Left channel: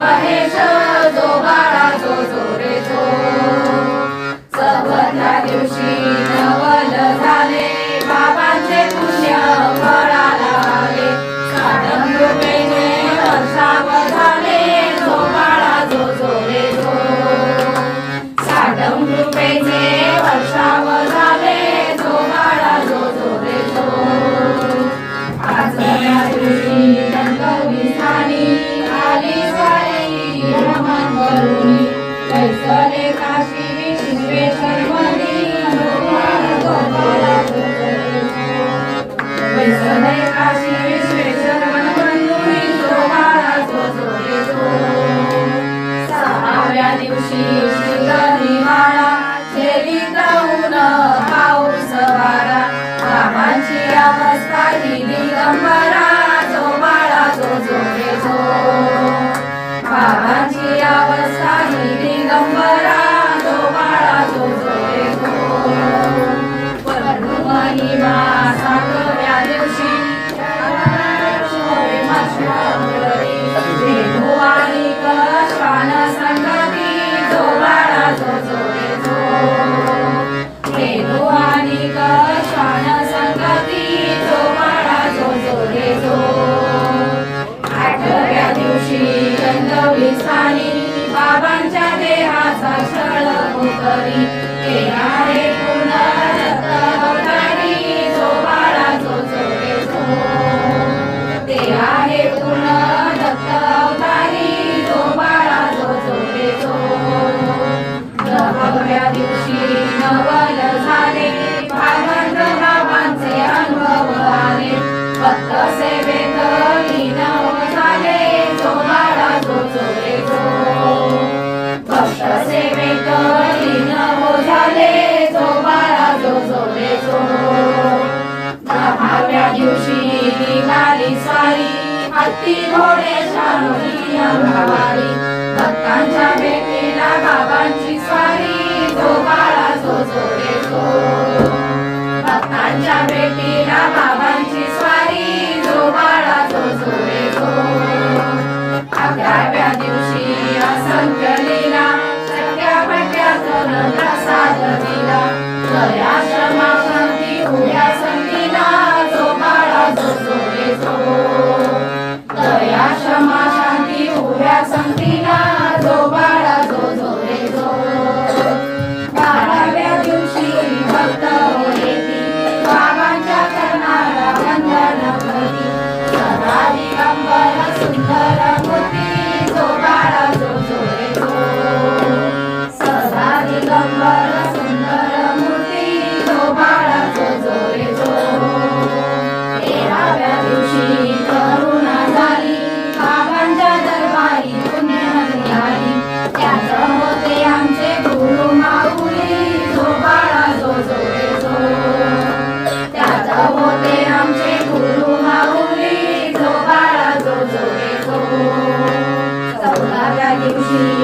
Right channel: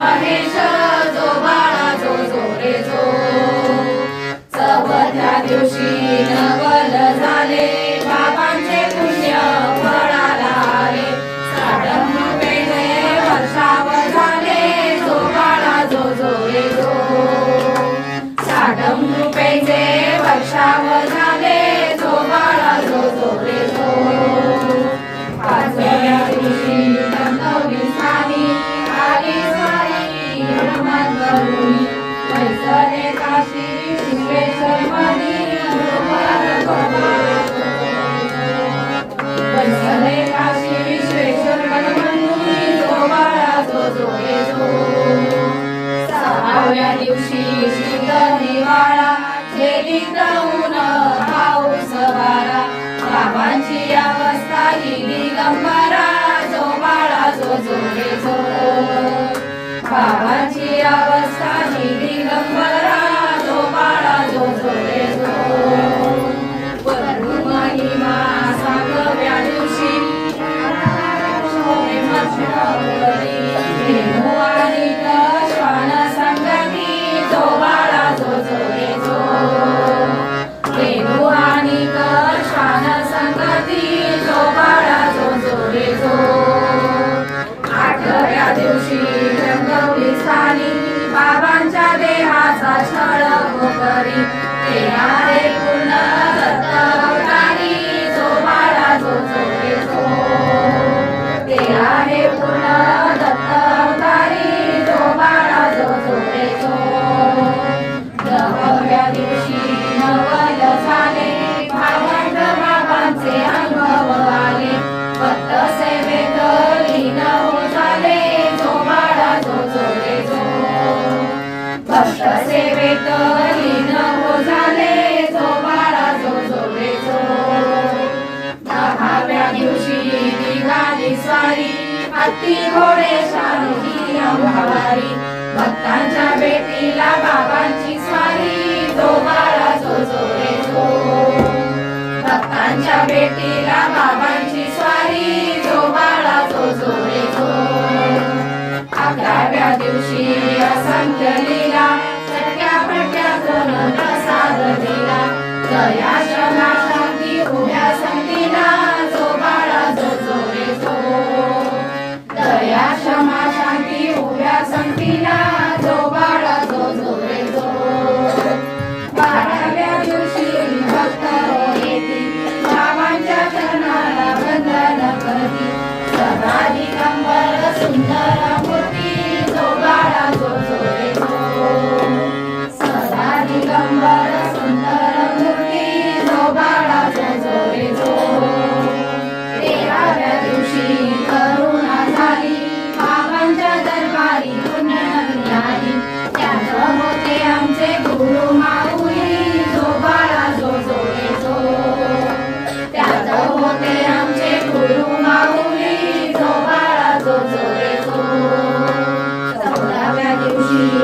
महेश जो बाळा जो जो रे जो चवथ्या दिवशी नवल झाले बाबांचे पुण्य फळाला आले साडम रूपेने वर्षाव झाले जो बाळा जो जो रे जो साडम रूपेचे वर्षाव झाले जो बाळा जो जो रे जो पाचव्या दिवशी रंगवली झाली आली स्वारी हनुमान करुणी कैसरे काशी विश्वेश्वर मनी जो बाळा जो बाळा जो जो रे जो कैसरे काशी विश्वेश्वर मनी जो बाळा जो जो रे जो सहाव्या दिवशी श्रीगणी बाळा झेलीत ऊन पाऊस वारा बाबांची अवस्था ही दिगंबरा जो बाळा जो जो रे जो बाबांची अवस्था ही दिगंबरा जो बाळा जो जो रे जो महिमा सातव्या दिवशी श्वान संगती जो बाळा जो जो रे जो श्वान संगती जो बाळा जो जो रे जो आठव्या दिवशी रंगवली साली बाबांच्या देहाचा छळ करी येणारे पुन्हा दत्त अवतारी जो बाळा जो जो रे जो ते आहे पुन्हा दत्त अवतारी जो बाळा जो जो रे जो दहाव्या दिवशी नवल झाले भावंत बाबांचे अनुभव आले भक्त सेवेत लीन झाले जो बाळा जो जो रे जो भक्त सेवेत लीन झाले जो बाळा जो जो रे जो दहाव्या दिवशी निघाली स्वारी हत्ती घोडे शानुजी अंगवारी भक्तांच्या भेटीला बाबांची स्वारी जो बाळा जो जो रे जो भक्तांच्या भेटीला बाबांची स्वारी जो बाळा जो जो रे जो अकराव्या दिवशी असंख्य लीला चटक्या फटक्या जोन प्रसाद दिला जया क्षमा शांती उभ्या संतीला जो बाळा जो जो रे जो दया क्षमा शांती उभ्या संतीला जो बाळा जो जो रे जो बाराव्या दिवशी भक्त येती बाबांच्या चरणाला वंदन करती सदा दिगंबर सुंदर मूर्ती जो बाळा जो जो रे जो सदा दिगंबर सुंदर मूर्ती जो बाळा जो जो रे जो तेराव्या दिवशी करुणा झाली बाबांच्या दरबारी पुण्यनदी आली त्यात होते आमचे गुरु माऊली जो बाळा जो जो रे जो त्यात होते आमचे गुरु माऊली जो बाळा जो जो रे जो चौदाव्या दिवशी